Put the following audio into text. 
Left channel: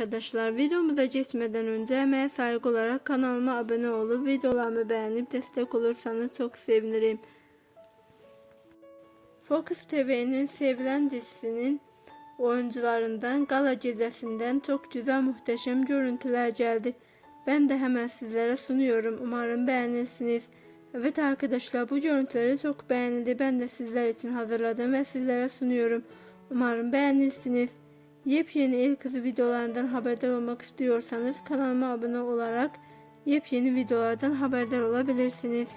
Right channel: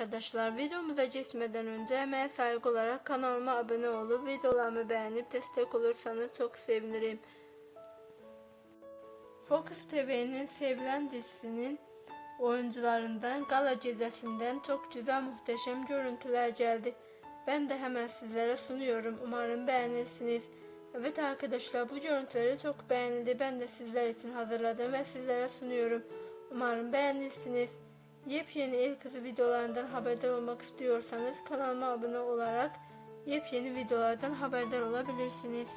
arkadaşlar videomuza geçmeden önce emeğe saygı olarak kanalıma abone olup videolarımı beğenip destek olursanız çok sevinirim. Focus TV'nin sevilen dizisinin oyuncularından gala gecesinden çok güzel muhteşem görüntüler geldi. Ben de hemen sizlere sunuyorum. Umarım beğenirsiniz. Evet arkadaşlar bu görüntüleri çok beğenildi. Ben de sizler için hazırladım ve sizlere sunuyorum. Umarım beğenirsiniz. Yepyeni el kızı videolarından haberdar olmak istiyorsanız kanalıma abone olarak yepyeni videolardan haberdar olabilirsiniz.